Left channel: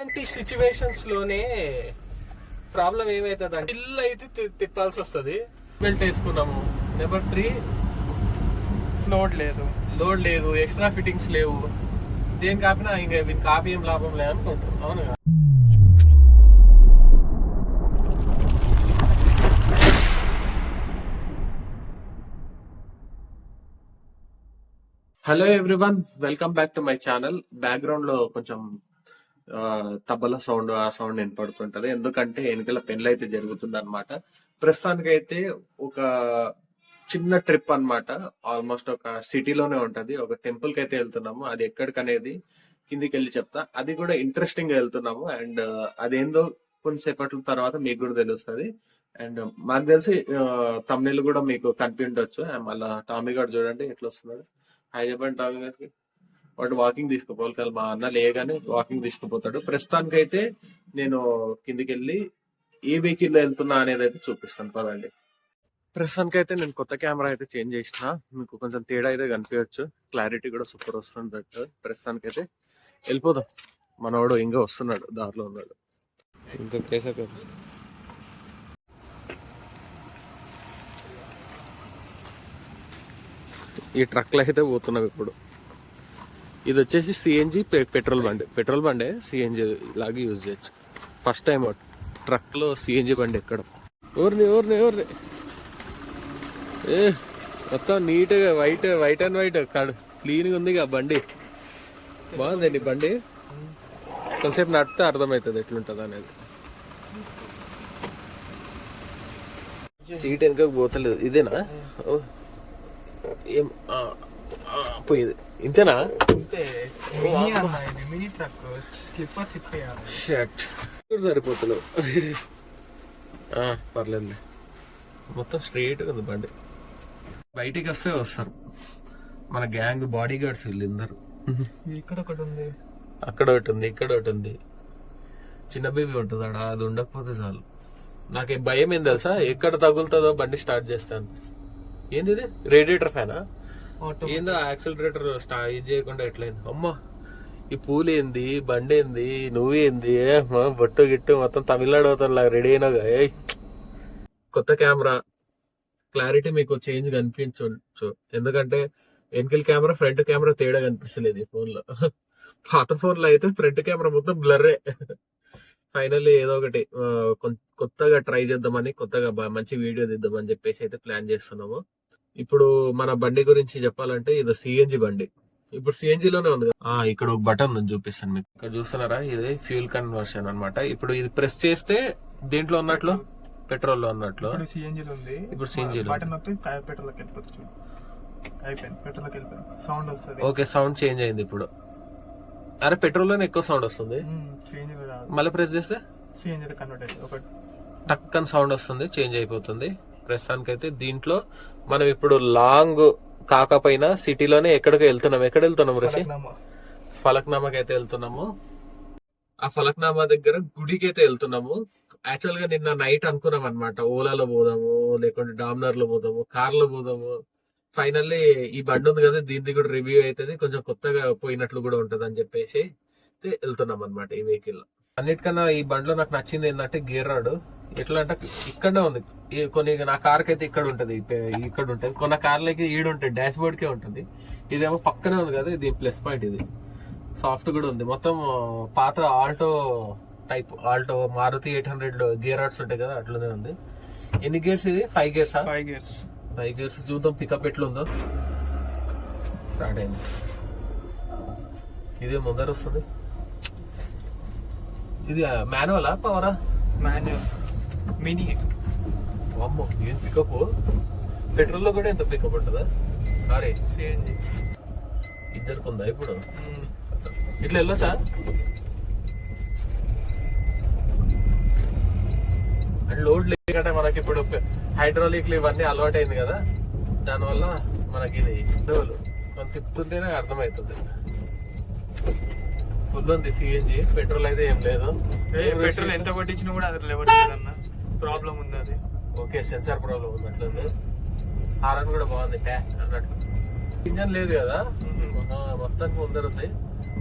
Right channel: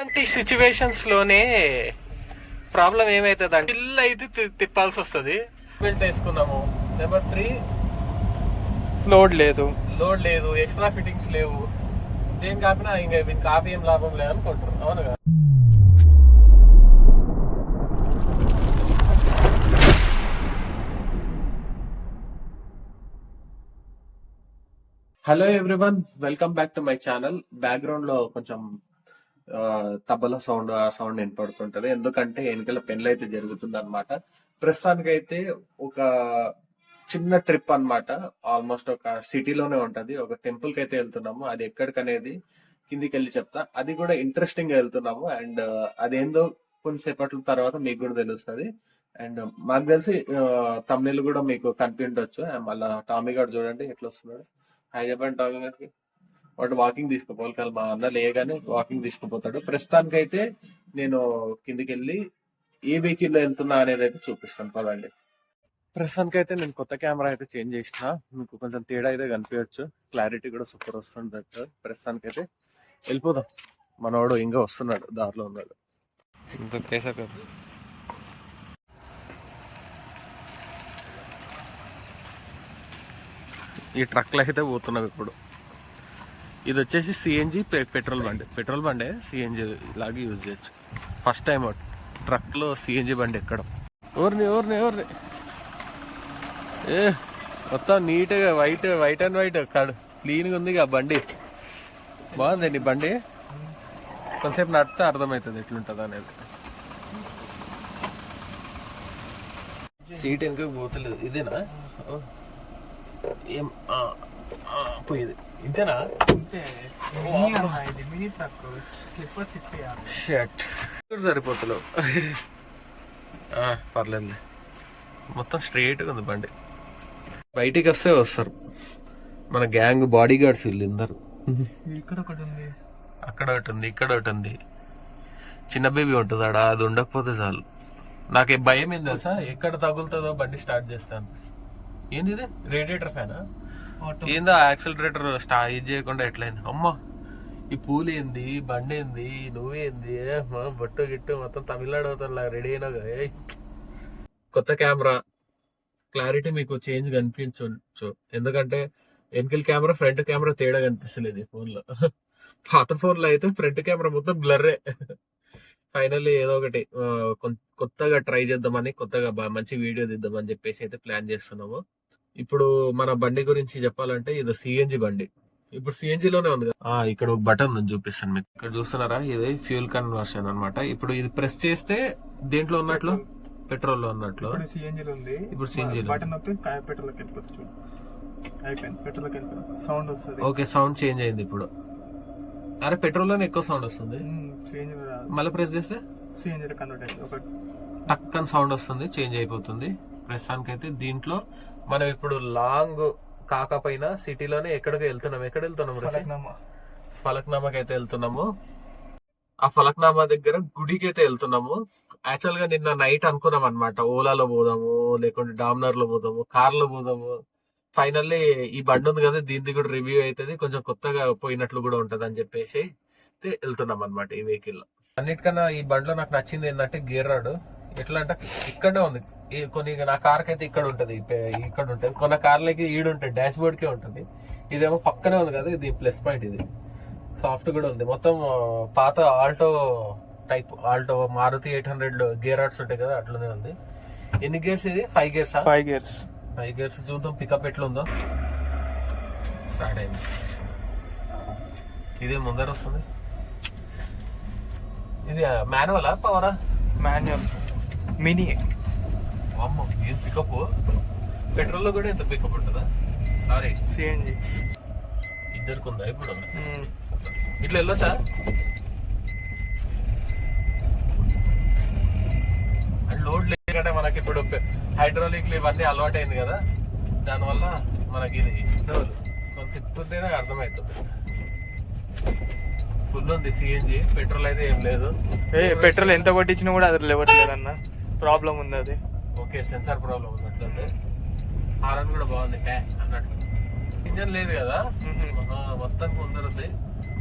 ఇలాంటి సిచ్యువేషన్స్లోనే ప్రాబ్లం ఏమైతుంది అంటే ఇల్లు అయితే తిప్పాల్సి వస్తుంది బెల్ట్ వేసుకున్నాము నెంబర్ త్రీ లోడ్ లేదు. లోడ్ లేదు ఎక్స్ట్రా ఫిట్టింగ్స్ లేవు. దేని కాపినా ఇంకా వీని కాపీ ఏం లాభం లేదు అవును కదా? Hello everyone welcome back to my channel బ్యాక్గ్రౌండ్లో కొంచెం తబలా సౌండ్ ఆ సౌండ్ వినపడుతుంటది. ఎందుకంటే వెనకాల పెళ్ళి అయితే జరుగుతుంది అనమాట ప్రస్తుతానికైతే ఒక చిన్న ట్రిప్ అన్నమాట. ఆల్మోస్ట్ ఒక సిటీలోనే ఉంటది. ఒక టెంపుల్కి అయితే వెళ్తున్నాము. అది ఎక్కడికనేది కిందికి వెళ్ళి చెప్తా. అది కూడా ఇంట్రెస్టింగ్గా వెళ్తున్నాము. అండ్ అదేందో కొంతసేపట్ల తర్వాత మీకు కూడా తెలుస్తుంది. అండ్ మాకు తెలిసి తమిళ కూడా మీకు కనిపించవచ్చు మళ్ళీ టామీ గారు చూడండి ఎట్లా వస్తున్నాడు హైదరాబాద్ చెప్పండి టామీ గారికి. వాడు వాకింగ్ తీసుకుపోవాలి కానీ మా అన్న లేగానే వాకింగ్ తీసుకుపోతాడు. ప్రస్తుతానికి అయితే నేను కిందికి వెళ్ళి ఏ వెహికల్లో వెళ్తున్నా అనేది అయితే చూపిస్తాను. పదండి. ప్రస్తుతానికి అయితే నేను కొత్త కెమెరా అయితే చేంజ్ చేసిన. మీకు కొంచెం తేడా అయితే కనిపించచ్చు. క్లారిటీ కూడా సూపర్ వస్తుంది ప్రస్తుతానికి అయితే వెళ్ళిపోదాం. మనవాడు ఇంకా వస్తున్నాడు. దారిలో ఉన్నాడు. కదా. ఈ ట్రక్లో అయితే పోతున్నాం ఇప్పుడు. ఇది వచ్చేసి సిఎన్జి పెట్రోల్ బండి. పెట్రోల్ బండే సిఎన్జి లాగా యూజ్ చేయొచ్చు. ఫస్ట్ టైం ట్రక్లో సిఎన్జి బండి ఎక్కడం. ఎవరిని ఎవరిని ఎవరిని ఏ మొత్తం నీట్గా వైట్ వైట్ అండ్ వైట్ కడు. క్లీన్గా ఉంది ఆ బండి. బాగుందండి బండి. కొంతసేపు నడితే అర్థమవుతుంది ఎట్లుంటుంది అనేది. సీట్ వెనుకకు పోతలేదు. ఇదేనా? ఓ. ఏం పోయింది ఇంతేనా? షర్ట్ సరిపోతలేవు పర్లేదులే. మొత్తం స్ట్రైట్గా ఉంది బండి. బయటికి వస్తే వస్తారు. మన గ్యాంగ్ బాడీ గార్డ్స్ వీళ్ళందరూ. ఇక్కడ ఒకటి ఉంది. అక్కడ ఒకటి ఉంది ఇక్కడ ఒకటి ఉంది. చిన్న బేబీ ఉంటుంది ఆడ అది ఉండకపోతే చాలు. నాకు ఏ భయం ఏం తెలుసా? ఎక్కడ తగులుతుందో బండి స్టార్ట్ చేస్తాను ఏంది ఇది? రేడియేటర్ ఫ్యానా? ఏందో యాక్సిలరేటర్ స్టా ఇది చేయకుండా ఎట్లయింది? అమ్మా ఈ పూలు ఏంది బండి ఏంది నువ్వేంది ఏంది బొట్టు గిట్టు మొత్తం తమిళనాడు అవుతాను లాగా రెడీ అయినాగా కొత్త కెమెరా. క్లారిటీ మీకు చేంజ్ కనిపించవచ్చు ఎందుకంటే వెనకల్ కెమెరా ఫ్రంట్ కెమెరా తేడా కనిపిస్తలేదు ఈ ఫోన్లో. పాత ఫోన్లో అయితే ఫ్రంట్ కెమెరా మొత్తం బ్లర్రే. ఫైనల్లీ ఏదో ఒకటి కొత్తగా ట్రై చేద్దామని కొత్తగా మంచి వీడియో తీద్దామని చెప్పేసి అయితే ప్లాన్ చేస్తున్నాము. ఇప్పుడు మన బండి గురించి చెప్పాలంటే ఇది సిఎన్జి బండి. ఇప్పుడు సిఎన్జి లోనే ఉంది కదా. ఆ, ఇక్కడ ఒక బటన్ ఉంది చూపిస్తాను మీకు. ఇక్కడ చూస్తున్నారా? ఇది ఫ్యూల్ కన్వర్షన్ అన్నమాట. ఇప్పుడు ఇది ప్రెస్ చేస్తే దేంట్లో ఉన్నట్లు? పెట్రోల్లో ఉన్నట్లు. ఇప్పుడు సిఎన్జీలో ఉంది. ఇప్పుడు CNG లో ఉంది. బటన్ నొక్కితే కాయ పెట్రోల్కి వెళ్ళిపోతుంది చూడు. అయిపోయింది. పెట్రోల్కి వెళ్ళిపోయింది. సౌండ్ వస్తుంది. ఓకే సౌండ్ చేంజ్ అయింది ఇప్పుడు. అరే పెట్రోల్లోనే ఎక్కువ సౌండ్ వస్తుంది. మళ్ళీ ప్రెస్ చేస్తే? సిఎన్జీలో కన్వర్ట్ అవుతుంది ఒక టక్ అని సౌండ్ వస్తుంది చేంజ్ అయిపోతుంది. ప్రస్తుతానికైతే దీంట్లో మనం ఇప్పుడు లాంగ్ కాకపోయినా సిటీలోనే ఎక్కడికి వెళ్తున్నాం. ఎక్కడ వెళ్తున్నాం ఫలక్నామా. ఫలక్నామాకి అయితే వెళ్తున్నాము. ఆ ఫలక్నామా దగ్గర గుడికి అయితే వెళ్తున్నాము. యాక్చువల్గా నిన్న నైట్ అనుకున్నాం అనమాట ఓలాలో పోదాము లేకుంటే డామినర్లో పోదాము కార్లో పోదాము. ఫైనల్లీ ఈ బండి ఉంది కదా దీనికి కూడా రివ్యూ అవుతుంది. కొంచెం కొత్తగా పోయినట్లు కూడా ఉంటది అని చెప్పేసి వెళ్తున్నాం అనమాట ఈ వెహికల్. లో అన్నిటికన్నా ఈ బండిలో నాకు నచ్చింది ఏంటంటే గేర్ రాడ్. ఎట్లా అంటే ఇక్కడే ఉంది. కొన్ని నా కార్ అయితే ఇక్కడ ఉంటది ఇక్కడ ఉంటది. కొన్ని కార్లకి ఈడు ఉంటుంది డాష్ బోర్డ్ కే ఉంటుంది. ఇదేమో పక్కనే ఉంది కదా ఇది ప్లస్ పాయింట్ ఇది. సాఫ్ట్ కూడా ఉంది. మొత్తం పాత Alto type Alto Maruti eight hundred gear rods ఉంటాయి కదా అట్లనే ఉంది. ఎన్ని గేర్స్ ఇది? Five gears? Five gears. Five gears. చూద్దాం పికప్ ఎట్లా ఉందో స్టార్ట్ అయింది. ఇది ముందర వస్తుంది. ఇది మాన్యువలా పవరా మాన్యువల్. మినీ. అమ్మో ఏం పికప్ పెట్రోల్లో కూడా ఎంత పికప్ ఉంటుందా? సారీ. సిఎన్జీ ఇద్దరికి ఉందా ఇప్పుడు ఇట్లా వెళ్ళొచ్చా? అండ్ లోడ్ లేకంటే మనకి ఇప్పుడు హైడ్రాలిక్లు ఇవన్నీ అలవాటు అయింది కదా? దానివల్ల మనకి ఇది కొంచెం తిప్పుతుంటేనే అర్థమవుతుంది. ఫుల్ ఉంది సిఎన్జి పెట్రోల్ అయితే ఏం లేదు. పెట్రోల్ ఎంత కొట్టించినా కూడా అది లేవట్లేదు అన్న. ప్రాబ్లం ఉంది అది. ఓకే సెన్సార్ ప్రాబ్లం ఉన్నట్లయితే హారన్ కూడా బాగుంది ట్యా అన్నట్టు. ఇంజన్ లేదు కదా? ఆ, మొత్తానికి ముందర ఉంది.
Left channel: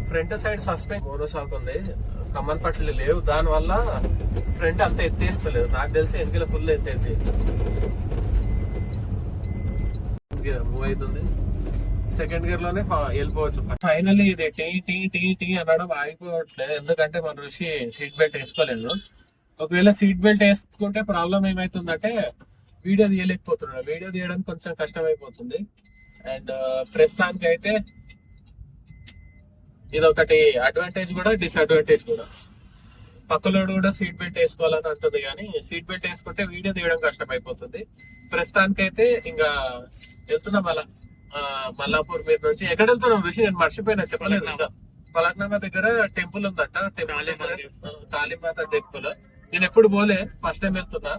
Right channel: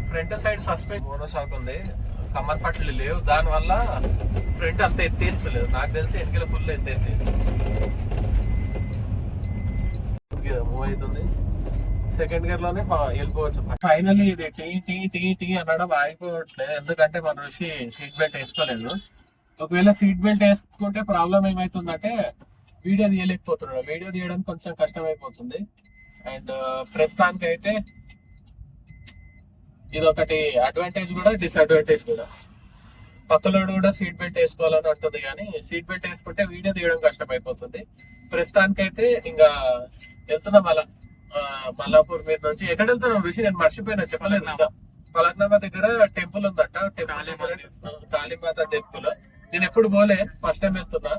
Front side suspend mono shock ఉంది. కమ్మన్ పట్లు లేవు. దాని వల్ల ఫ్రంట్ అంత ఎత్తేస్తలేదు. నాకు తెలిసి వెనకాల ఫుల్ ఎత్తేది మూవ్ అవుతుంది సెకండ్ గేర్లోనే వెళ్ళిపోవచ్చు ఫైనల్లీ ఇది టీ టీ టీ టీ అనడం ఆగిపోవట్లేదు. ఎందుకంటే మన ఋషి సీట్ బెల్ట్ వేసుకోలేదు. ఒకవేళ సీట్ బెల్ట్ వేసుకుంటే ప్రాబ్లం ఏమైతుందంటే వీడియో తీయలేకపోతున్నాడు. వీడియో తీయడానికి కొంచెం కష్టం అయిపోతుంది అండ్ ప్రస్తుతానికి అయితే ఇది ఒకటి అడ్వాంటేజ్ కూడా డిసడ్వాంటేజ్ కూడా. పక్కలోడు కూడా సీట్ బెల్ట్ వేసుకోవాలని అంటుంది కానీ సీట్ బెల్ట్ వేసుకుంటే వీడియో తీయడం కష్టం అయిపోతుంది ప్రస్తుతానికైతే ఇంకా వెళ్తున్నాం అలా. మల్లాపూర్ మీద నుంచి ఎక్కడ వెళ్తున్నాం విషయం నేను మర్చిపోయినా చెప్పలేదు ఇంకా. పలక్నామా దగ్గర టెంపుల్ ఉందంట. టెంపుల్ దగ్గర కాళీమాత టెంపుల్. నేను ఎప్పుడు పోలే ఫస్ట్ టైం వెళ్తున్నా.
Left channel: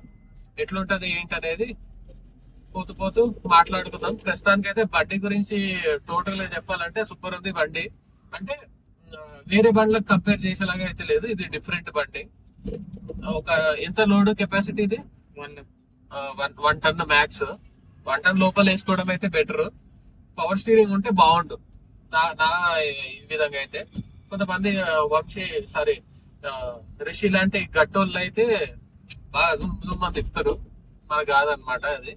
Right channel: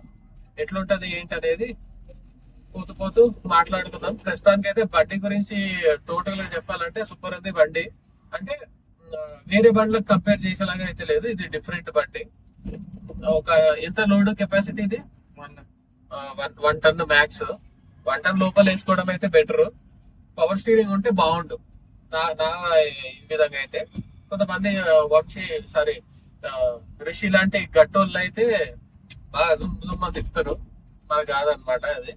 ఎట్లుంటది ఏంటి అనేది పోతూ పోతూ మాట్లాడుకుందాం ప్రస్తుతానికి అయితే బండి గురించి టోటల్గా చెప్పాలంటే సూపర్ ఉంది బండి. అంటే వేరే బండ్లకు కంపేర్ చేసేలాగా అయితే లేదు. ఇది డిఫరెంట్ బండి. ఒక ఎంత లోడ్ కెపాసిటీ ఇది? One one ton max. One ton లోపల వేసుకోవడం అయితే బెటర్. పవర్ స్టీరింగ్ ఉంటే బాగుండు. నా నా ఈ విధంగా అయితే. కొంతమంది వచ్చి వంశీ సారీ రిషి లాంటి గట్టోళ్ళు అయితే బాగా జుమ్ జుమ్ అని తిప్పుతారు. మనకు కాదనమాట అది.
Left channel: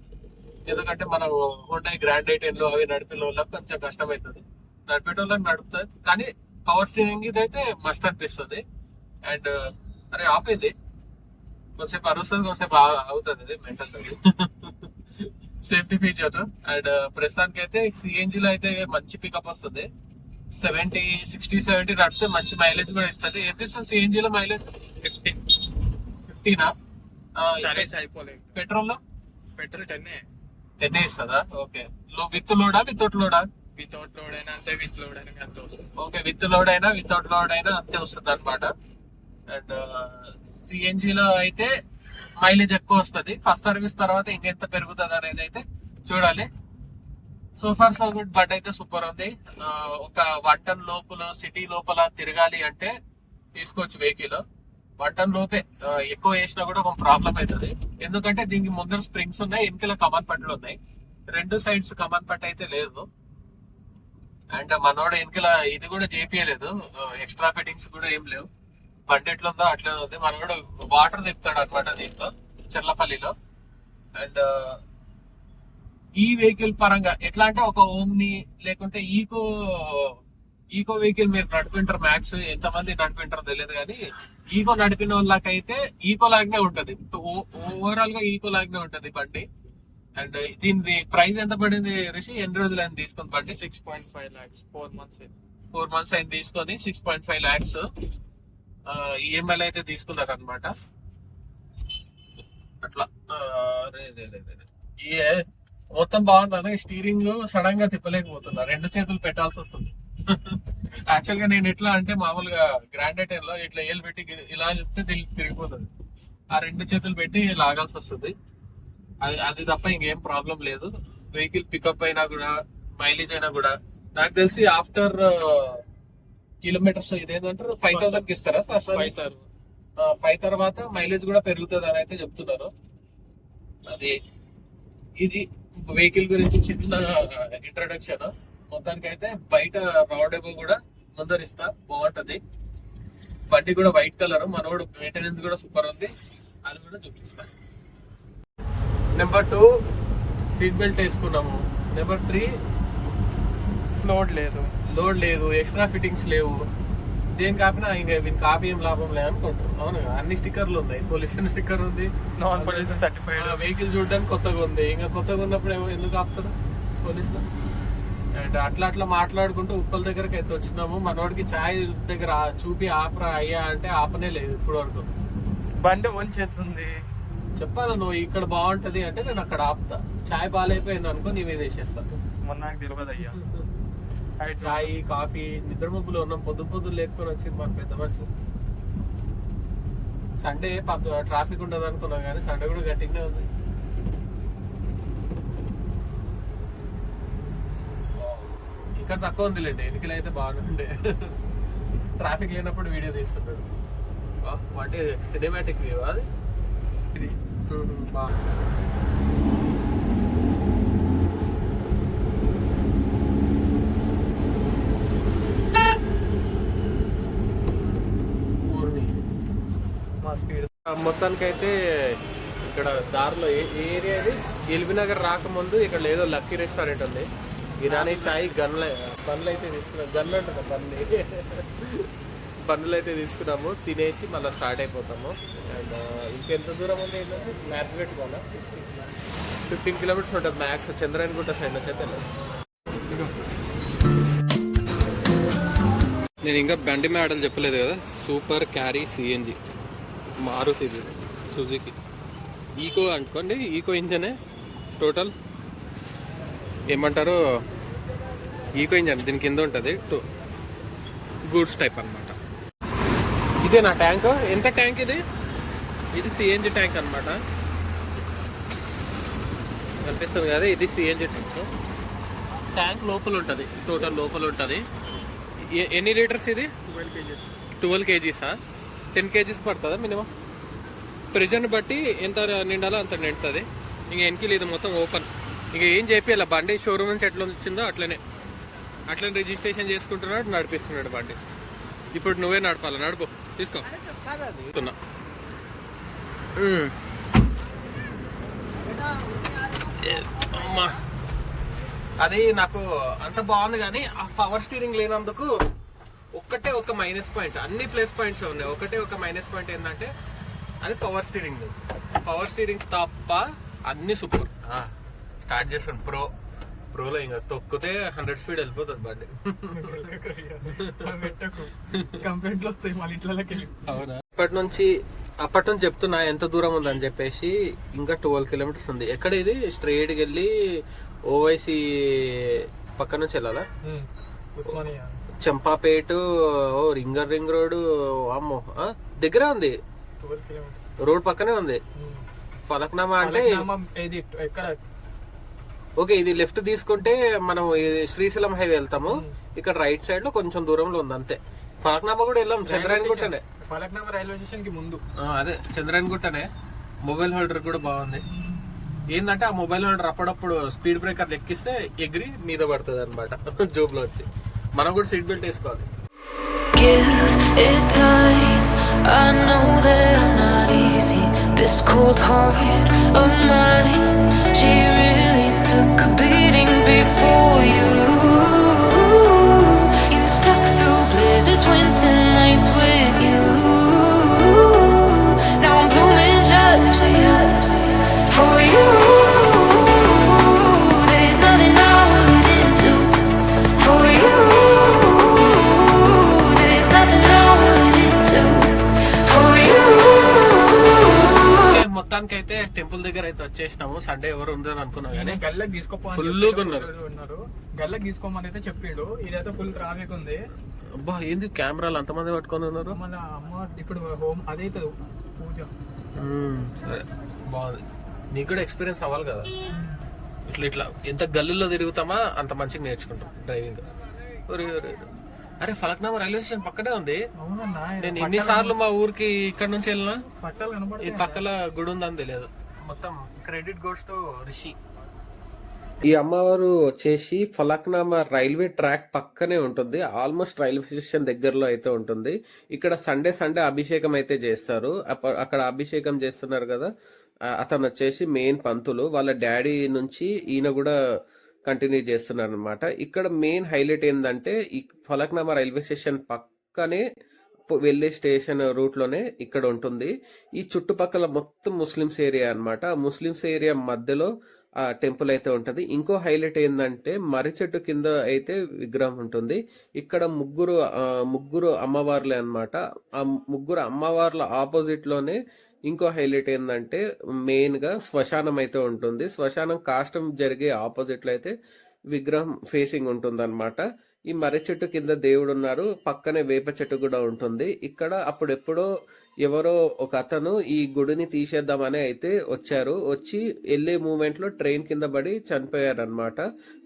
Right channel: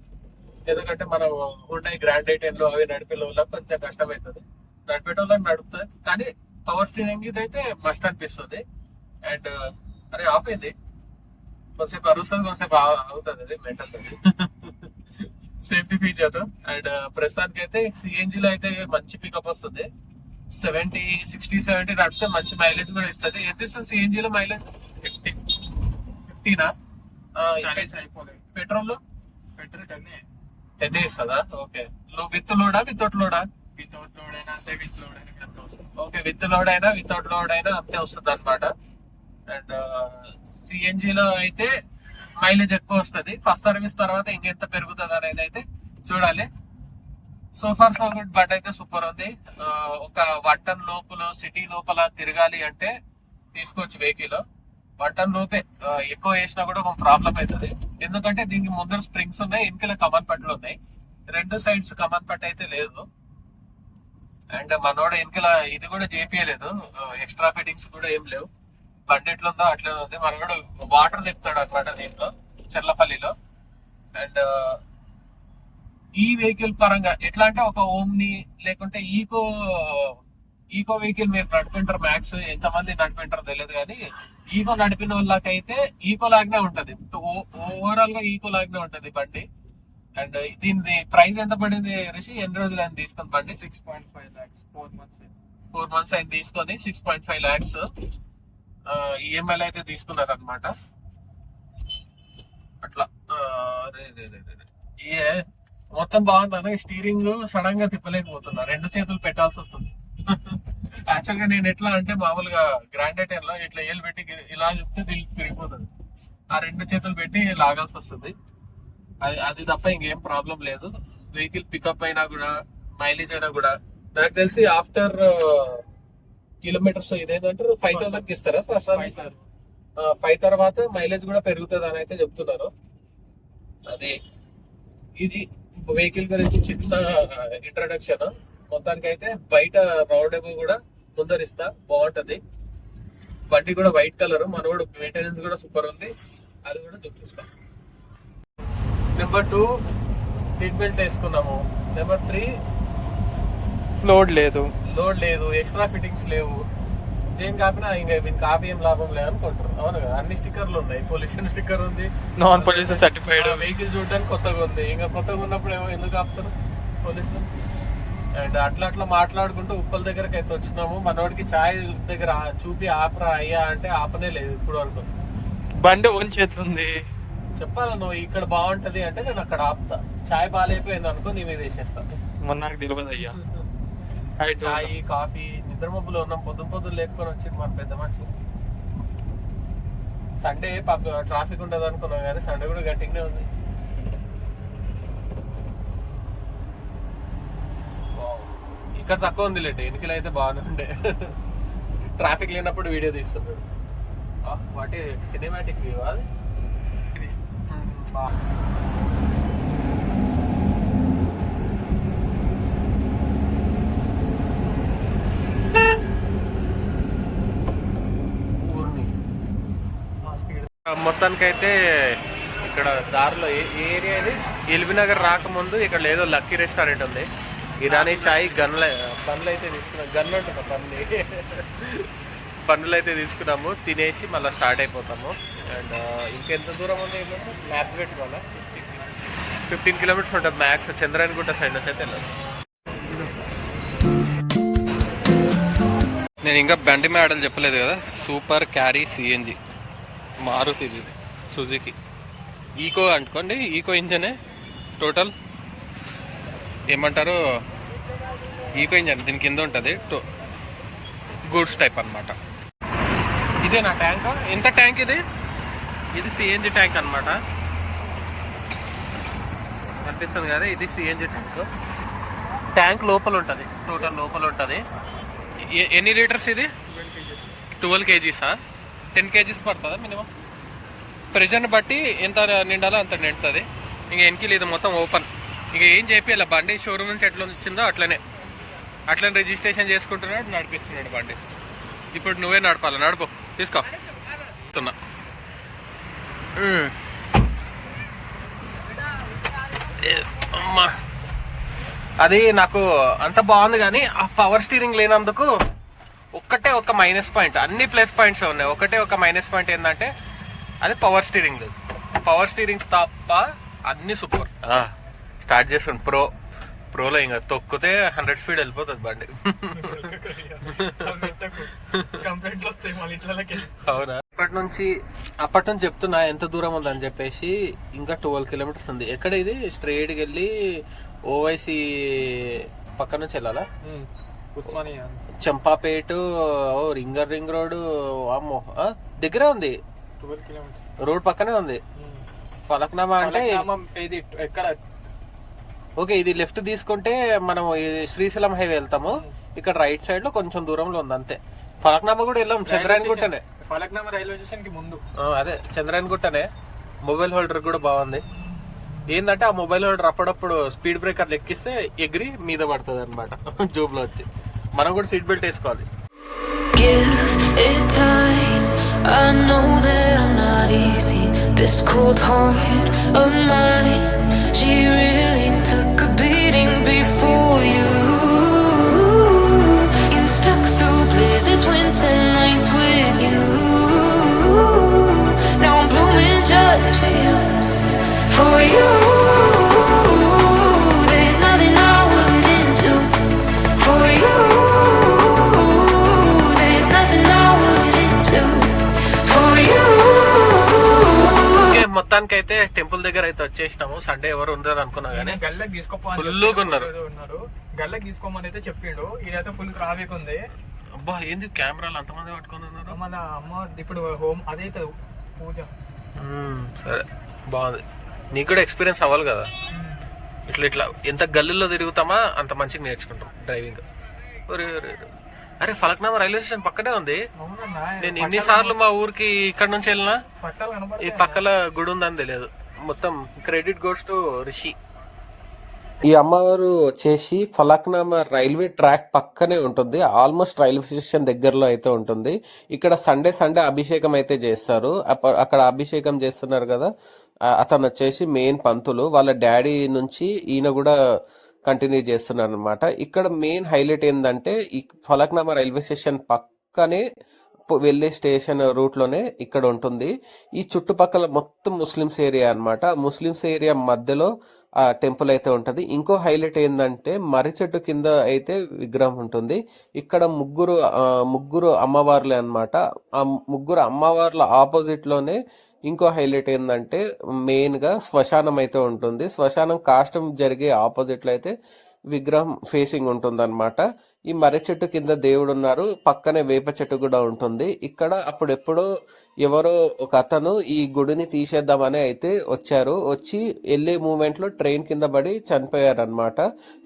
ఎందుకంటే మనం ఉంటాయి గ్రాండ్ ఎయిటెన్ అవి నడిపే వాళ్ళకి కొంచెం కష్టం అవుతుంది నడిపేటోళ్ళకి నడుపుతుంది కానీ పవర్ స్టీరింగ్ ఇది అయితే మస్ట్ అనిపిస్తుంది. అండ్ అరే ఆఫ్ అయింది కొంచెంసేపు అరుస్తుంది కొంచెంసేపు అవుతుంది అది మెంటల్ సేఫ్టీ ఫీచర్. అండ్ ప్రస్తుతానికి అయితే సిఎన్జి లో అయితే మంచి పికప్ వస్తుంది. సెవెంటీ సిక్స్టీ సెవెంటీ నడిపితే మంచి మైలేజ్ కూడా ఇస్తుంది. ఎంత ఇస్తుంది సిఎన్జి లో మైలేజ్ ఫిఫ్టీ ఫిఫ్టీనా పెట్రోల్లో పెట్రోల్ టెన్ టెన్ ఇస్తుందా? ఓకే. లో విత్ లోడా వితౌట్ లోడా వితౌట్ లోడ్ అయినా అంతే విత్ లోడ్ అయినా అంత వస్తుంది. ఓకే విత్ లోడ్ అయినా వితౌట్ లోడ్ అయినా అంతే వస్తుంది అనమాట అండ్ సిఎన్జి లో అయితే మైలేజ్ ఎక్కువ వస్తుంది. ఫస్ట్ సర్వీస్ తర్వాత ఇంకెంత పెరుగుతుంది అనేది అయితే చూడాలి. So far so good but అయితే సూపర్ ఉంది. ఒక వన్ లోపల సిటీ లోపల తిరగాలి అంటే తీసుకోవచ్చు వెహికల్ వన్ లోపే ఎక్కువ వేసినా కూడా ఒక ప్రాబ్లం అవుతుంది. ఎందుకంటే దీనికి ముందర స్ప్రింగ్స్ ఉన్నాయి వెనకాల కమన్ పట్లు ఉన్నాయి. రెండు సైడ్స్ కమన్ పట్టు అయితే లేదు. అండ్ మనోడ వెనకాల ఇది కూడా చేపియలేదు. ఎక్స్ట్రా ఫిట్టింగ్స్ కూడా ఏం లేవు. బండి ఎట్లా ఉందో అట్లే ఉంది. మనోడు వాటర్ తిప్పుతాడు అనమాట దీంట్లో చెర్లపల్లిలో. అండ్ ఈ వెహికల్ పరంగా ఎట్లా అంటే ఒక ఓమ్ని లేకుంటే ఈకో ఈకో వెహికల్ మీరు నడిపింటారు మ్యాక్స్ ఎంతమంది నడిపింటారో తెలియదు కానీ ఈకో నడిపిన వాళ్ళకైతే ఈకో లాగానే ఉంటది. ఓవరాల్గా ఈకో లాగానే ఉంటది బండి. అండ్ దీనిది ప్రైస్ ఎంత పడింది రిషి? ఎన్ని రోజులు అని తీసుకుని బండి? Six point five lakhs four months four months అయింది తీసుకొని six point five lakhs EMI అయితే తీసుకున్నారు అనమాట అట్లా ఏ మొత్తం బాగుంది స్టీరింగ్ సడన్గా తిప్పలేకపోతున్నా. రెండు చేతులు పెట్టాల్సి వస్తుంది. యాక్చువల్గా నేను ఎట్లా అంటే మామూలుగా గ్రాండ్లో ఇట్లా ఏళ్ళు పెట్టి ఇలా చెప్తే తిరిగిపోతుంది. ఆ రెండు చేతులు పెట్టి లాగాల్సి వస్తుంది. అది అది తప్ప ఇంకేం ప్రాబ్లం లేదు. వెహికల్ పికప్ అయినా కూడా మైలేజ్ అయినా కూడా. నాకు తెలిసి ఆఫ్టర్ కిలోమీటర్స్ ఇదేంటంటారు? ఫైవ్ థౌసండ్కి ఇస్తారా? Five sir? ఫైవ్ తర్వాత మైలేజ్ కూడా పెరుగుతుంది అని అయితే చెప్తున్నారు. అది ఇది వెహికల్ గురించి చిన్న ఇంట్రడక్షన్ మొత్తానికి అయితే బయట రోడ్ కూడా ముందరిస్తా. బాగుంటది. బండి కూడా వైట్ కలర్ మనోడు మెయింటెనెన్స్ కూడా సూపర్ ఉంది. అది కూడా చూపిస్తా. నెంబర్ టూ సీట్ బెల్ట్ వేసుకున్నాము. నెంబర్ త్రీ లోడ్ లేదు. లోడ్ లేదు ఎక్స్ట్రా ఫిట్టింగ్స్ లేవు. దేని కాపినా ఇంకా దీని కాపీ ఏం లాభం లేదు అనుకుంటారు అవును కదా అన్ని స్టిక్కర్లు ఉన్నాయి. పొల్యూషన్ స్టిక్కర్ ఉంది. నాన్ పోలీస్ సర్టిఫైడ్ వెహికల్ చూడడానికి కొత్తగా ఉంది. ఇంకా కొత్తగా ఉన్నప్పుడు ఎందుకు ఆపుతారు పోలీసులు? అండ్ అట్లా అట్లా మాట్లాడుకుంటూ ఉప్పల దగ్గరకు అయితే వచ్చినాము. మనోడికి ఛాయ్ దగ్గర చూపి ఆపరా అయ్యా అంటే ఆపనే లేదు ఇప్పుడు వరకు బండి ఓన్ చేతుంది. చెప్పాలా నువ్వు ఇక్కడ బాగుంటది అంటే నేను అక్కడ ఆపుతా. ఛాయ్ బాగాలేకపోయింది అనుకో నీ మీద వేసేస్తా. నాకు తెలియదు అయ్యా చాయ్ కాఫీ నిద్ర మబ్బులో ఉన్నాం. పొద్దు పొద్దున్న లేపుకొని వచ్చి మన పెద్ద మనిషి సండే ట్రాఫిక్ ఉండదు అనుకున్నాం కానీ సండే కూడా గట్టిగానే ఉంది. ఇక్కడ తక్కువ ఉంది లేండి. ఎన్నికలు అయితే బాగానే ఉండే. ట్రాఫిక్ లేనప్పుడు వీడియో తీస్తున్నాడు. వాటి సినిమాటిక్ అది? ఇది. మొత్తానికైతే ఇక్కడ దారిలో ఏ ఏరియా ఇది? ఎల్బీ నగర్ రాకముందు ఇక్కడ ఏదో లక్కీ రెస్టారెంట్ ఉంది. ఇరానీ చాయ్ గన్ల పనులు అయితే తీసుకున్నాం. గన్లు అంటున్నా పన్ను పన్నులు అయితే తీసుకున్నాము. తినేసి మళ్ళీ స్టార్ట్ అయిపోతాము. అండ్ ఇంకెంత దూరం ఉంది ఏంటంటే మ్యాప్ పెట్టుకోవాలా? ఫిఫ్టీన్ కిలోమీటర్స్ ఉంటుంది మ్యాక్స్. చంద్రాయణగుట్ట సైడ్ నుంచి అయితే వెళ్ళాలి. నేను ఇంకా బండి మేడలు చెప్పలేదు కదా. సూపర్ క్యారీ సిఎన్జి మారుతి ఇది సుజుకి. ఈకో అనుకోండి ఈకో ఇంజనే టోటల్ ఏమంటారు? ఈకో ఇంజన్ దీని కింద ఉంటుంది గూడ్స్ టైప్ అన్నమాట. ఇదే నా ట్యాంకు. ఎంత ట్యాంక్ ఇది? ఇది సిఎన్జి ట్యాంక్ అనమాట కనిపిస్తుంది కదా ఇది సిఎన్జి ట్యాంక్. ట్యాంక్ లోపల ఉంటుంది టోటల్ లోపల ఉంటుంది. ఎన్ని లీటర్స్ ఇది? ట్వెల్వ్ కేజీసా? టెన్ కేజీస్ పడుతుందా మినిమం? ప్రెజర్ని బట్టి ఎంత నిండాలో అంత నిండుతుంది. ఇంకా వెనకలు ఇది మొత్తం ఓపెన్. ఇంకా ఏం చెప్పి బండి షోరూమ్ నుంచి ఎట్లా వచ్చిందో అట్లనే. అట్లనే రిజిస్ట్రేషన్ చేసుకుంటున్నాడు నడిపిస్తున్నాడు బండి. ఇప్పుడు నువ్వే నడపాలి? నడుపు. తీసుకో. వస్తున్నా. ఏ, అమ్మా. అది నాకు అంత బాగుంది కానీ ఆ పవర్ స్టీరింగ్ లేనందుకు ఒక్కటే ఒక మైనస్ పాయింట్ అన్ని ప్లస్ పాయింట్స్ ఉన్నాయి. ఒకటే ఒక మైనస్ పాయింట్ ఏంటంటే అది పవర్ స్టీరింగ్ లేదు. పవర్ స్టీరింగ్ తప్ప అన్ని సూపర్ స్టార్ట్ చేస్తాను ప్రో ప్రోలో ఇంకా తొక్కితే హండ్రెడ్ స్పీడ్ వెళ్ళిపోతుంది బండి. అవునా? అప్పటి నుంచి అప్పటి నుంచి చెప్తున్నా ఎంత దూరం ఉందని చెప్పేసి ఇంకా ట్వెల్వ్ కిలోమీటర్స్ ఉంది. ఎక్కడ ఇది? స్ట్రైట్కి వెళ్ళి ఓవైసీ పక్క నుంచి వెళ్ళాలా? చంపాపేట ఓ రింగర్ రింగ్ రోడ్ అమ్మో దగ్గరే ఉంది. రోడ్ పక్కనే ఉంది. ఫలక్నామా అంటే ఓకే ఇది లెఫ్ట్ తీసుకుంటే మనం శ్రీశైలం హైవే వెళ్తాము. ఇక్కడ రైట్ సైడ్లో కొంచెం దూరంలో ఉంది అంతే. ఫలక్నామా కూడా వెళ్ళాం చంద్రాయన్ గుట్టనే ఫలక్నామా రైల్వే స్టేషన్కి ముందు అదే చంద్రాయన్ గుట్టనే మొబైల్ హోల్డర్ కూడా బాగుంది. ఏంటంటే ఆ మొబైల్ హోల్డర్ అప్పుడప్పుడు స్పీడ్ బ్రేకర్ ఎక్కిస్తే ఎగిరి మీద పడుతుంది అనమాట జోబ్లో వచ్చి. మనం కూడా సీట్ బెల్ట్ వేసుకోవాలి Give it time. I know that I'm not easy. This cold heart of mine, she really took a beating before you. You Okay, మొత్తానికైతే టెంపుల్ దగ్గర అయితే వచ్చేసినాము. సండే ఎవరు ఉండరు అనుకున్నా గానీ. గల్లకి తీసుకోపో గా ఉన్నారు. గల్లకి తీసుకోమని అయితే చెప్పిండు. ఈడైతే ఫుల్ ట్రాఫిక్ ఉంది. అబ్బా ఏంది కెమెరాలు అంతమంది పట్టుకొని ఉన్నారు? మన అమ్మ ఇప్పుడు హోమ్ అదైతే పూజ. సరే. బాగుంది. నీకు కూడా ఎక్స్పీరియన్స్ అవ్వాలి కదా. ఇట్లా ఇట్లా ఎంత గల్లీలో తిరుగుతామా అంత మంచిగా నేర్చుకుంటాం. డ్రైవింగ్ ఒరే, ఒరే. అరే ఫలక్నామా రైల్వే స్టేషన్ పక్కనే ఉంది. నేను ఎన్నిసార్లు మా ఊరికి ఇక్కడ నుంచి వెళ్ళినా ఈ పక్కల గుడి ఉందని తెలియదు. మొత్తం క్రెడిట్ గోస్ టు రిషి. ఈ అమ్మవారు వచ్చేసి ఫలక్నామా రైల్వే ట్రాక్ పక్కనే ఉంటుంది. ఆల్మోస్ట్ రైల్వే స్టేషన్ దగ్గరలో అయితే ఉంటుంది. ఇక్కడ సండే సండే అభిషేకం అయితే చేస్తారు. అక్కడ అభిషేకం చేస్తున్నారు కదా. అతను వచ్చేసి మెయిన్ పంతులు. వాళ్ళ డాడీ నుంచి ఈయన కూడా కంటిన్యూ చేస్తున్నారు అనమాట ఇక్కడ మెయిన్ హైలైట్ ఏంటంటే ఈ ఫలక్నామా రైల్వే స్టేషన్ పక్కనే వెళ్ళే స్టేషన్ రూట్లోనే ఇక్కడ ఉంటుంది. ఈ చుట్టుపక్కల మొత్తం ముస్లిమ్స్ ఏరియా అన్నమాట. ముస్లిమ్స్ ఏరియా మధ్యలో ఆ టెంపుల్ అయితే ఉంటుంది. ఇంకో హైలైట్ ఏంటంటే మర్రి చెట్టు కింద అయితే విగ్రహం ఉంటుంది. ఇక్కడ ముగ్గురు ముగ్గురు అమ్మవార్లే అనమాట ఆ ముగ్గురు అమ్మవార్ల ఆపోజిట్లోనే ఇంకో హైలైట్ ఏంటంటే మెయిన్గా శ్మశానం అయితే ఉంటుంది. శ్మశానం కాష్టం జరిగే ఆపోజిట్లో అయితే విగ్రహం ఫేసింగ్ ఉంటుందన్నమాట. ఈ మర్రి చెట్టు కింద దేవుడు ఉన్నారు పక్కనే వేప చెట్టు కూడా ఉంటుంది. ఇక్కడ అప్పుడెప్పుడో ఎవరో ఒక అతను ఈ గుడిని తీసేద్దామని అయితే వచ్చారు. వచ్చి వెళ్ళే మూమెంట్లో ట్రైన్ కింద పడి చనిపోయారనమాట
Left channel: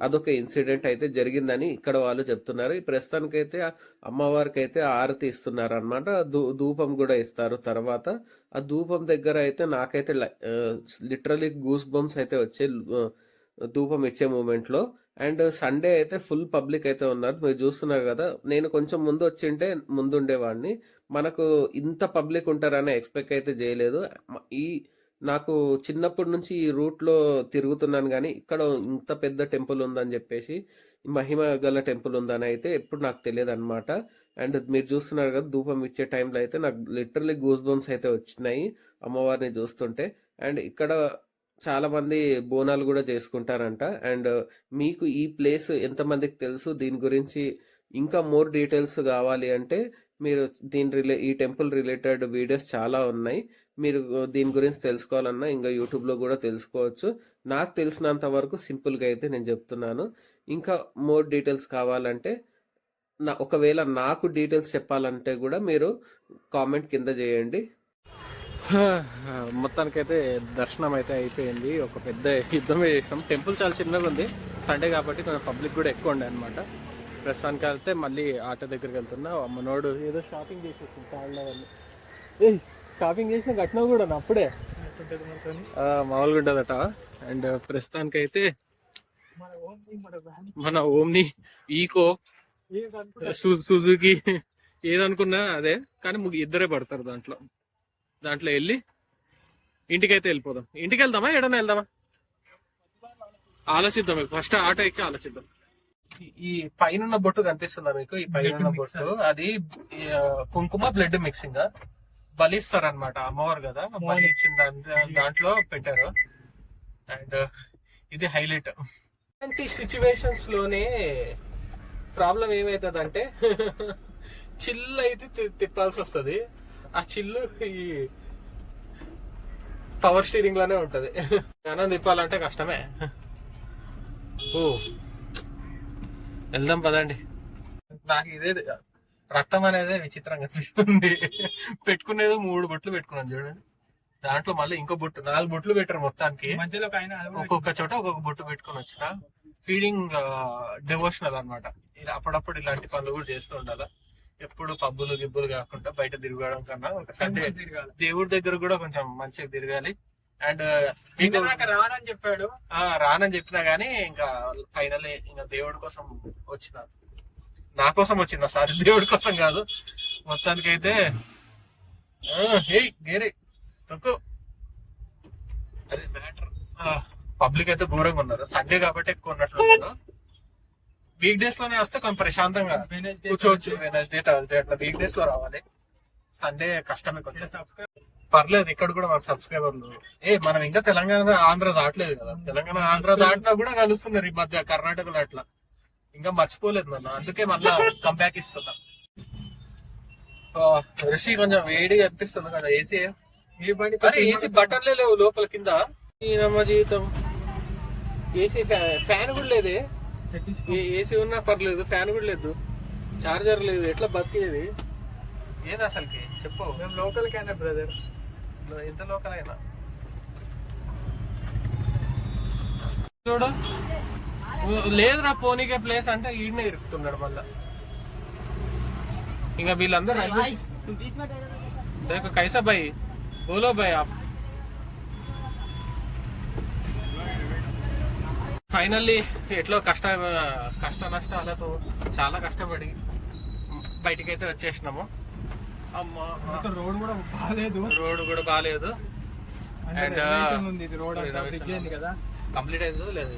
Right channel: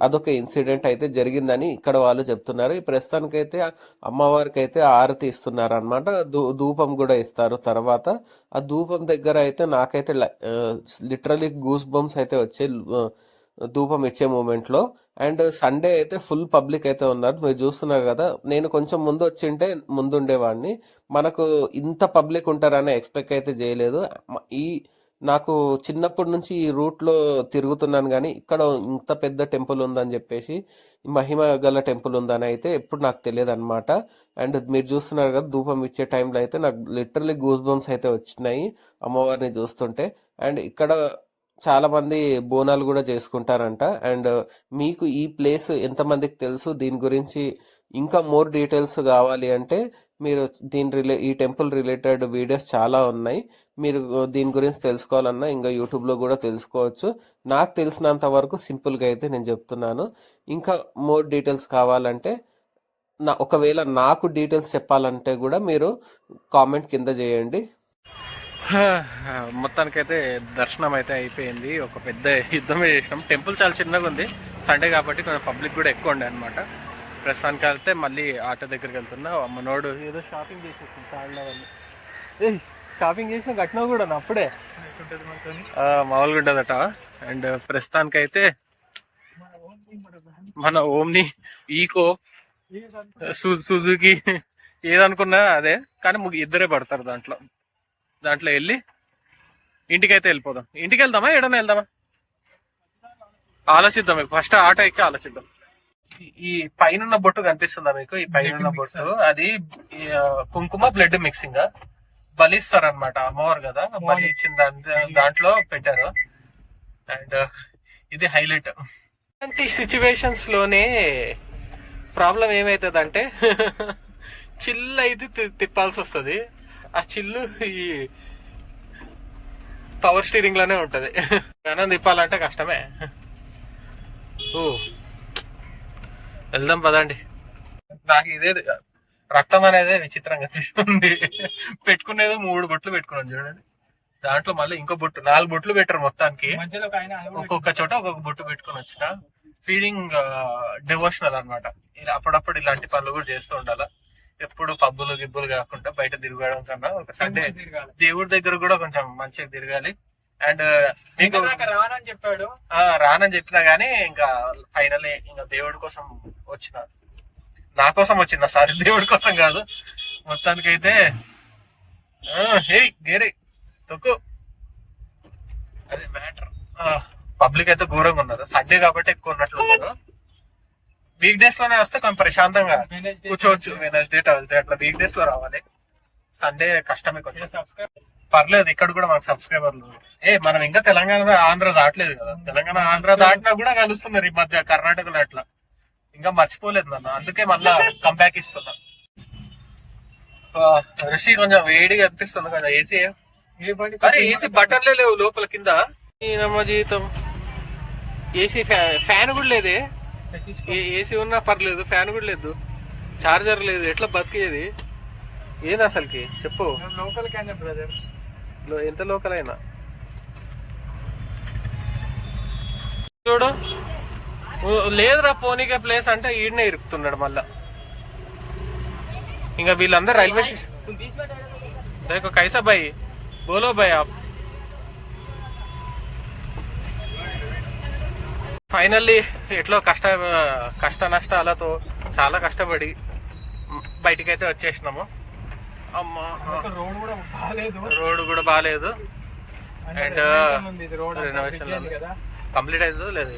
అదొక ఇన్సిడెంట్ అయితే జరిగిందని ఇక్కడ వాళ్ళు చెప్తున్నారు. ఈ ప్రస్తుతానికైతే అమ్మవారికి అయితే ఆరతి ఇస్తున్నారు అనమాట ధూపం కూడా ఇస్తారు తర్వాత. ఆ ధూపం దగ్గర అయితే నాకైతే లిటరలీ గూస్ బంప్స్ అయితే వచ్చే ధూపం ఇచ్చే మూమెంట్లో. అండ్ సండే అయితే ఫుల్ పబ్లిక్ అయితే ఉన్నారు. మీరు చూస్తున్నారు కదా నేను కొంచెం ముందు వచ్చింటే ముందు ఉండేవాడిని మనకు ఇంత పబ్లిక్ ఉంటారని ఎక్స్పెక్ట్ అయితే చేయలేదు. ఈ నాకు చిన్నప్పటి నుంచి ఈ రూట్లో తిరుగుతున్నాను కానీ ఇక్కడ ఇంత పెద్ద టెంపుల్ ఉందని చెప్పేసి మహిమ గల టెంపుల్ ఉందని అయితే ఎప్పుడు నాకు తెలియదు అనమాట అండ్ మీరు చూస్తున్నారు కదా ధూపం ఇచ్చే టైంలో అయితే నాకు లిటరలీ గూస్ బంప్స్ అయితే వచ్చినాయి అమ్మవారిని చూస్తుంటే. అండ్ ఇక్కడ చాలామంది బోనాలు కూడా చేసుకుంటారంట. అండ్ మీకు ఈ ప్లేస్ ఎంతమందికి తెలుసు? దీని గురించి ఇంకా మోర్ డీటెయిల్స్ కావాలి అంటే మీరు దీని రిలే ఈ టెంపుల్ రిలేటెడ్ వీడియోస్ చాలా ఉన్నాయి. మీరు దీని గురించి తెలుసుకోవాలన్నా ఇంకా యూట్యూబ్లో కూడా తెలుసుకోవచ్చు. నాకు తెలిసినంత వరకు సింపుల్గా అయితే నేను చెప్తున్నాను. ఇంకా మోర్ డీటెయిల్స్ కావాలంటే నా ఒకవేళ నాకు డీటెయిల్స్ చెప్పాలంటే కూడా మీరు కామెంట్ కింద చేయండి. మొత్తానికైతే దర్శనం అయితే అయిపోయింది. ఒక పెద్ద యుద్ధమే చేసినాం. టెంపుల్ చాలా చిన్నగా ఉంది. సండే కాబట్టి కొంచెం పబ్లిక్ కూడా ఎక్కువ ఉండే అనమాట ప్రస్తుతానికి వెళ్తే మళ్ళీ ఆటో దగ్గరికి వెళ్తున్నా. మనోడు ఏదో షాపింగ్ చేసి వచ్చింది. ఏ షాపింగ్ చేసిన కట్టినా కూడా అప్పుడే? మామూలుగా ఉండదట. అండ్ ప్రస్తుతానికైతే మన ఓమ్ని ఈకో సుజుకి ఏదనుకున్నా అదే. కానీ ముగ్గు ఇద్దరే పడతారు దాంట్లో. దాంట్లో వెళ్ళి ఇంటికైతే వెళ్ళిపోదాం. ఇంటికి వెళ్దామా ఏడన్నా వెళ్దామా? ఆలోచిద్దాం ఫస్ట్ ఆటో ఎక్కి ఆలోచిద్దాం. ఈ- పైన బొట్టు కనిపిస్తుందా మీకు? ఈ పైన బొట్టు. అది కుంకుమ బ్లడ్ మిక్సింగ్. బలిస్తారు అనమాట అమ్మవారు కదా. బలి ఇచ్చిన దాని దాంట్లో పెట్టారు. అండ్ ఇది హైలైట్. ఇలాంటి సిచ్యువేషన్స్లోనే ప్రాబ్లం ఏమైతుంది చిల్లు అయితే తి- తిప్పాల్సి వస్తుంది ఆ చిల్లు ఈ పవర్ స్టీరింగ్లోనే ఉంటది. గానం తిప్పాలంటే కష్టమే. ఓ. వెళ్దాం పదండి. నాకు ఇదే రక్తం అనేది విచిత్రంగా అనిపిస్తుంది. పెట్టుకునేది మూడు బొట్లు పెట్టుకున్నాను చూడండి. దాంట్లో మళ్ళీ ఇంకో బొట్టు నాలుగు బొట్లు పెట్టారు మొత్తానికి. ఒక్కొక్క చోట ఒక్కొక్క బొట్టు పెట్టుకొని వచ్చిన. ఫీలింగ్ డివోషనల్ అనమాట అప్పుడప్పుడు ఇలాంటి పనులు కూడా చేస్తూ ఉండాలి? ఎప్పుడు పబ్బులు గిబ్బులు కాకుండా బయట తిరగడం కన్నా ఒక సండే దేవుడి దగ్గర కూడా కొంచెం మంచిగా తిరగాలి. అండ్ మీకు రానని చెప్పాడు. ఆ, రానని చెప్పినా గానీ ఇంకా ఫైనల్ ఇంకా దేవుడి కోసం వచ్చిన నా కోసం వచ్చిన సారీ దేవుడి కోసం కాదు. మొత్తానికైతే ఆ, హే గేరే తొక్కు. అది మ్యాటర్. పబ్లిక్ అయితే ఘోరంగా ఉన్నారు. సండే కాబట్టి ఎక్కువ ఉన్నట్లు ఉన్నారు. వీక్ డేస్లోనే వస్తే కొంచెం ప్రశాంతంగా కూర్చోవచ్చు. వెనస్డే థర్స్డే అట్లా వీక్ డేస్లో రావాలి. సండే కష్టమే కొంచెం. పర్లేదు ఇక్కడ కూడా మనకు సబ్స్క్రైబర్లు ఏ మనం ఇంకా తెలంగాణ ఆంధ్ర దాటలేదు కదా. తెలంగాణ ఆంధ్ర దాటినా కూడా కలుస్తున్నారు ఈ మధ్య కర్ణాటకలో అట్లా. ఇంకా మర్చిపోలేదు నన్ను. అందుకే మళ్ళా కంబ్యాక్ ఇస్తున్నా. ఆ, రిషి కొంచెం వేడిగా అనిపిస్తుంది కదా ఏసీ అరే ఏసీ బటన్లే లేవు లోపల కింద. జీవితం ఏసీ ఫ్యాన్ కూడా లేదే. ఏసీ ఉన్నా పర్లేదు ఫ్యాన్ కూడా లేదు. చార్జర్ లేదు ఎట్లా బతికేది? ఏంది అసలుకి? చెప్పు. లోకల్ కైనా బ్రదర్. ఎంత లోకల్ అయినా? చూడు. లేదురా పోనీకే ప్లేస్ అంటే ఈడనే ఇరుకుతున్నాడు మళ్ళా. ఇంకా వీళ్ళందరూ రైల్వే స్టేషన్ కైసాబాయి. కైసా భాయ్ ఆప్. ఫైనల్లీ ఎట్లో కష్ట కష్ట నష్టాలతో చాలా కష్టపడి బయటికి అయితే వచ్చేసినాము. అమ్మా రోడ్ కూడా బాగాలేదు రోడ్ కూడా బాగాలేదు ఉంది. కదా. కంప్లీట్ అవుతుందో లేదు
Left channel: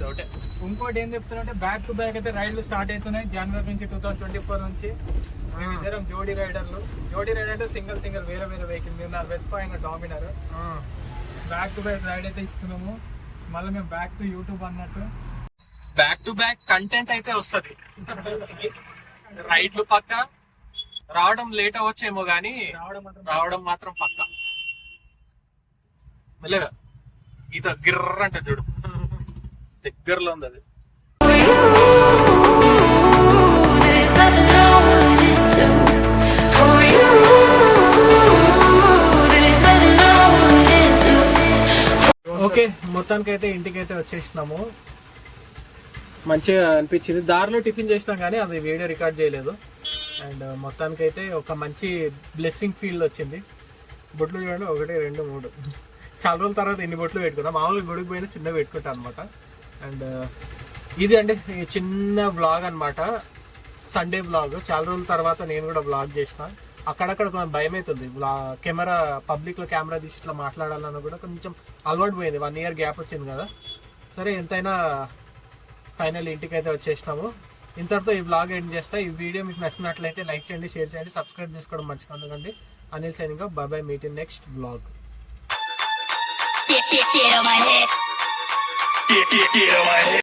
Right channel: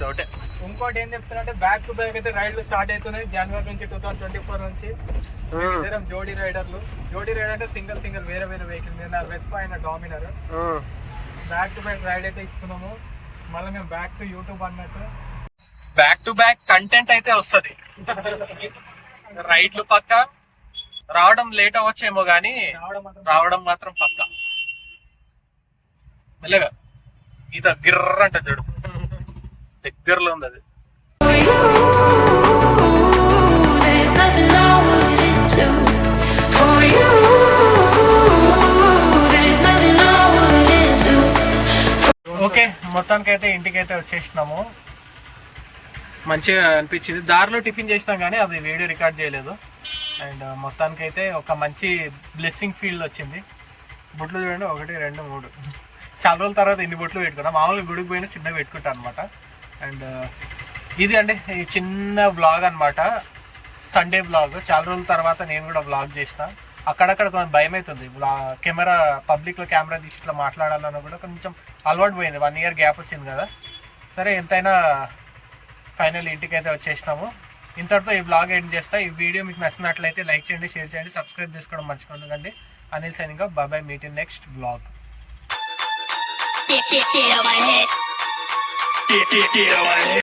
డౌటే ఇంకోటి ఏం చెప్తారంటే బ్యాక్ టు బ్యాక్ అయితే రైడ్లు స్టార్ట్ అవుతున్నాయి జనవరి నుంచి టూ థౌసండ్ ట్వంటీ ఫోర్ నుంచి జోడీ రైడర్లు. జోడీ రైడర్ అంటే సింగిల్ సింగిల్ వేరే వేరే వెహికల్ మీద వెస్పా అయిన Dominar back to back ride అయితే ఇస్తున్నాము. మళ్ళీ మేము బ్యాక్ టు యూట్యూబ్ అన్నట్టు. బ్యాక్ టు బ్యాక్ కంటెంట్ అయితే వస్తుంది. రైడ్లు పక్క. రావడం లేట్ అవ్వచ్చేమో గానీ రావడం మాత్రం పక్క. మెల్లగా. గీత గిర్ర అంటే చూడు. దగ్గరలో ఉంది అది. For you, ఓకే మొత్తానికి అయితే ఇంటికైతే వచ్చేసినాము. మంచిగా అనిపించింది. దారిలో టిఫిన్ చేసినాం కానీ అది వీడియో రికార్డ్ చేయలేదు. అండ్ మొత్తానికి అయితే ఒక మంచి బ్లెస్సింగ్ ఫీల్ వచ్చింది. బొట్లు చూడండి ఒకటి రెండు మూడు. చాలా రోజుల తర్వాత ఇన్ని బొట్లు పెట్టుకున్నాం. మామూలుగా గుడికి పోయిన చిన్న పెట్టుకుంటాం అనమాట అండ్ ఇది అండి ఈ చిన్న బ్లాగ్ అన్నమాట. సండే బ్లాగ్ చాలా రోజుల తర్వాత నేను కూడా బ్లాగ్ చేసిన. అక్కడక్కడ కొంచెం భయం అవుతుంది కెమెరా పబ్లిక్లో కెమెరా తీసి ఇట్లా మాట్లాడాలన్నా కూడా కొంచెం అలవాటు పోయింది వన్ ఇయర్ గ్యాప్ వచ్చింది కదా సరే ఎంతైనా ఫైనల్ ఇంటికి అయితే వచ్చేసినాము ఇంతటితో ఈ బ్లాగ్ ఎండ్ చేస్తా ఈ వీడియో మీకు నచ్చినట్లయితే లైక్ చేయండి షేర్ చేయండి సబ్స్క్రైబ్ చేసుకోవడం మర్చిపోకండి అనిల్ సైనింగ్ బాబాయ్ meet in next blog Get, get, get. Get, get, get.